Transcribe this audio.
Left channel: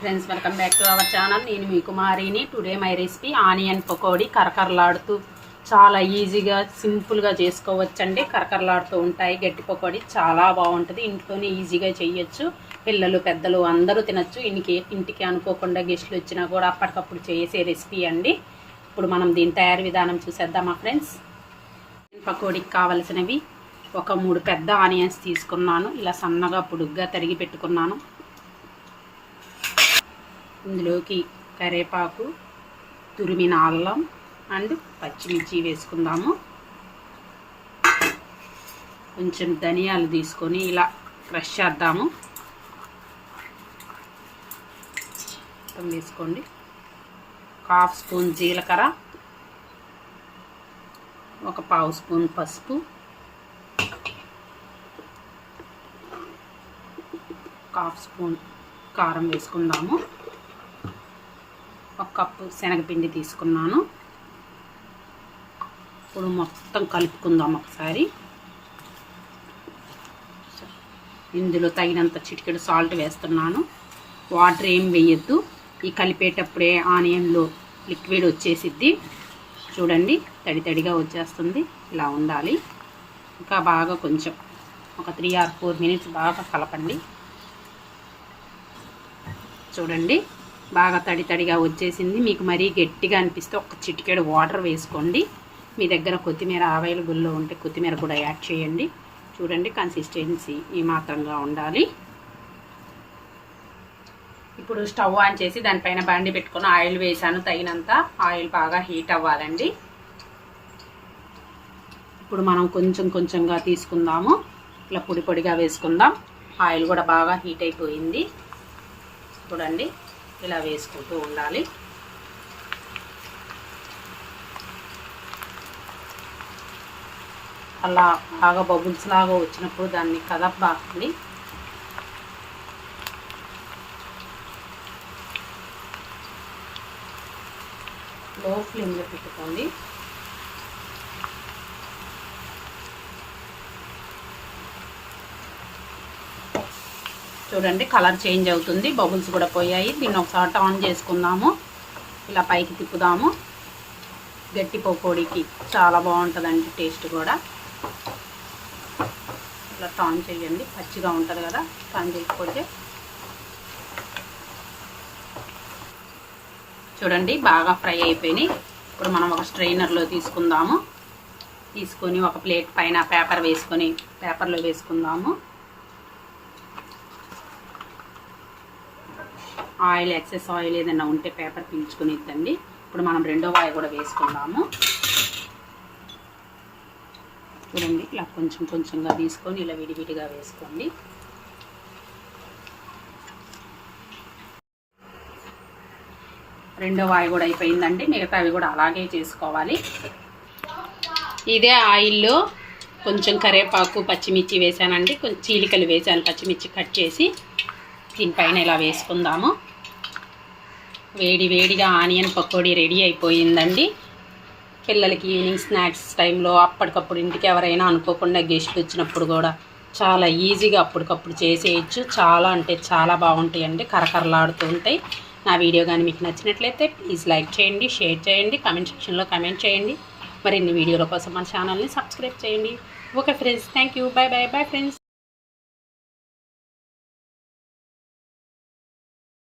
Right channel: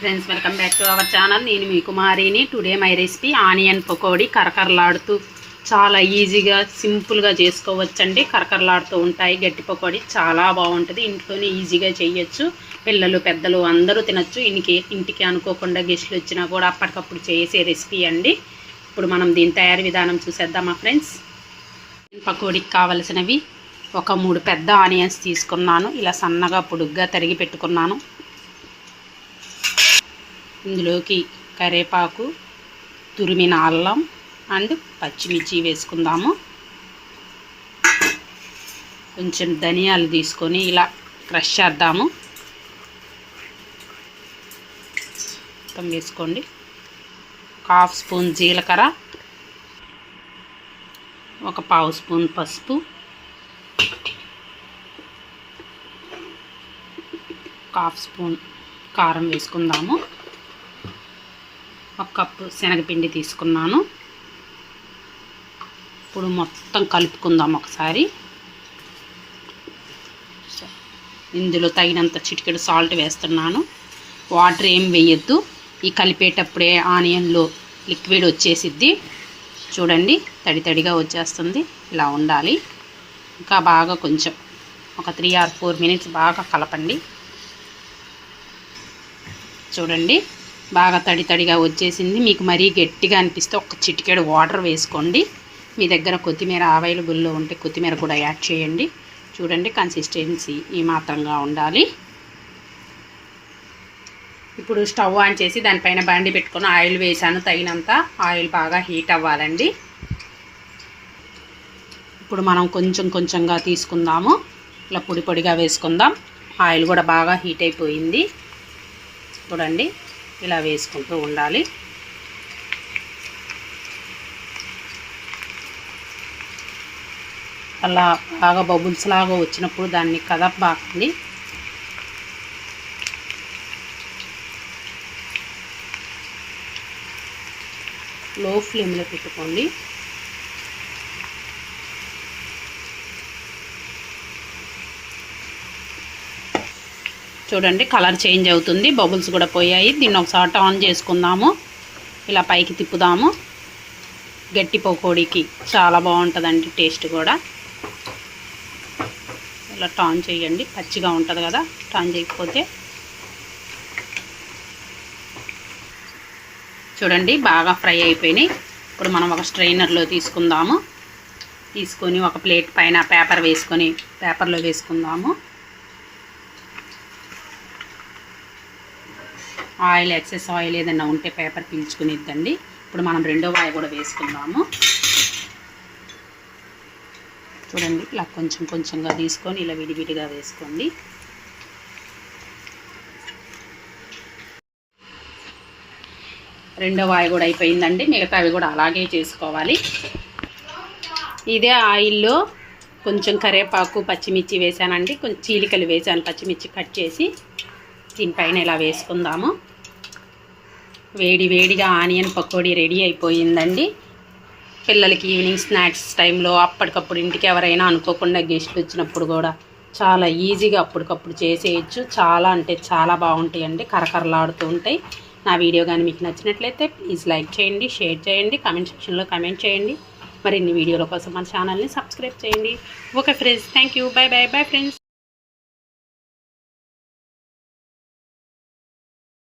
Friends, welcome back to our channel. నేను మీ కుమారిని. Today my recipe onion pakodi. కరకరలాడుతూ చాలా ఈజీగా సింపుల్గా చేసుకోవచ్చండి. కరకరలాడుతూ ఉంటాయి. గట్టి పకోడీ చాలా బాగుంటుంది. ఇంట్లోనే ఈజీగా చేయొచ్చు. పిల్లలు పెద్దలు అందరూ తినచ్చు. ఇంటికి అనుకోకుండా గెస్టులు వచ్చినా కూడా అప్పటికప్పుడు చేసే రెసిపీ అండి. ఇప్పుడు మనం దీని తయారీ విధానం చూసేద్దామా ఫ్రెండ్స్. పకోడీకి కావలసినవి ఒక 3 పెద్ద ఆనియన్స్ తీసుకున్నాను. ఇలా సన్నగా పొడుగ్గా తరిగి పెట్టుకున్నాను. ఇందులోకి కరివేపాకు, తురిమిన అల్లం అండ్ పచ్చిమిర్చి వేసుకుందాము. కొంచెం ధనియాలు తీసుకొని ఇలా క్రష్ చేద్దాము. మొత్తం వేసుకోండి. 1/2 స్పూన్ జీలకర్ర, ఒక 1/2 స్పూన్ పసుపు, 1/2 స్పూన్ కారం వేసుకుందాము. 1 కప్పు శనగపిండి తీసుకున్నాను. ఇప్పుడు మొత్తం కలుపుకుందాం ఒకసారి. ఇందులో తగినంత చిటికెడు సాల్ట్ వేస్తున్నాను. వాటర్ ఏం వేయద్దు. ఈ కలిపేటప్పుడే ఆనియన్లో లిక్విడ్ వచ్చేసిద్ది. చూడండి, తడి తడిగా వచ్చేస్తుంది. ఇలా ఉండాలి. ఇంకా బాగా కొంచెం ఒక 3 or 4 మినిట్స్ బాగా కలపండి. చూడండి, బాగా తడి తడిగా వచ్చేసింది. మీకు మరీ గట్టిగా అనిపిస్తే ఒక చిటికెడు వాటర్ వేసుకోండి. మీ దగ్గర కొత్తిమీర అవైలబుల్లో ఉంటే కొత్తిమీర కూడా యాడ్ చేయండి. చూడండి, కన్సిస్టెన్సీ ఈ మాత్రంగా ఉండాలి. ఇప్పుడు స్టవ్ ఆన్ చేసి దానిపైన బాండి పెట్టుకొని ఆయిల్ వేసాను. తగినంత ఆయిల్ బాగా హీట్ అవ్వాలండి. ఇప్పుడు మనం కొంచెం కొంచెంగా తీసుకుందాము. ఇలా పొడి పొడిగా వేసుకుందాం. ఆయిల్ కూడా బాగా హీట్ అయిపోయింది. చూడండి, ఇలా వేసుకుంటూ ఉండాలి. అలా బాగా బబుల్స్ లాగా వచ్చినప్పుడు దాన్ని కదపబాకండి. లో ఫ్లేమ్లో పెట్టుకోండి. చూడండి, కలర్ చేంజ్ అవుతుంది. బబుల్స్ కూడా పోయాయి. దీన్ని ఒకసారి ఆన్ చేసుకుందాము. ఇలా పైకి తిప్పుదాము. గట్టి పకోడీకి చాలా బాగుంటుందండి. టేస్ట్ కూడా ఇలా టర్న్ చేయండి. పచ్చిగా ఉంటుంది కదా, టర్న్ చేయకపోతే. చూడండి, బాగా ఫ్రై అయిపోయినాయి. ఇప్పుడు మనం ఒక స్ట్రైనర్లో తీసుకుందాము. తీసుకొని ఒక ప్లేట్ పైన పేపర్ వేసుకొని పేపర్లో వేసుకుందాము. ఆయిల్, ఎక్సెస్ ఆయిల్ ఏదైనా ఉంటే పేపర్ పీల్చుకునిద్దండి. ఇప్పుడు మనం రెండో వాయి కూడా వేసుకుందాము. చూడండి, ఇలా కొంచెం కొంచెంగా తీసుకొని ఇలా విడివిడిగా వేసుకోండి. రెండో వాయి కూడా అయిపోయిందండి. మిగతావి కూడా అలాగే చేసుకోవాలి. ఇదే ఆయిల్లో కొంచెం కరివేపాకు, పచ్చిమిర్చి వేసానండి. కొంచెం చీలికలు వేసాను, పచ్చిమిర్చి కట్ చేసి. దీనిపైన ఇలా వేసుకుందాము. వేడి వేడిగా ఆనియన్ పకోడీ రెడీ అయిపోయిందండి. పిల్లలకి ఈవినింగ్ స్నాక్స్ టైంలో అప్పటికప్పుడు ఇంటికి ఎవరైనా అనుకోకుండా గెస్ట్లు వచ్చినప్పుడు కూడా చాలా ఈజీగా అప్పటికప్పుడు చేసేయచ్చు. చాలా అంటే చాలా బాగుంటాయండి. కరకరలాడుతూ ఉంటాయి. నా వీడియో కానీ మీకు నచ్చినట్లయితే ప్లీజ్ లైక్ చేయండి, షేర్ చేయండి, కామెంట్ సెక్షన్లో కామెంట్ చేయండి. మరిన్ని వీడియోల కోసం మన ఛానల్ని సబ్స్క్రైబ్ చేయండి. Okay friends, thank you. By by. Bye friends.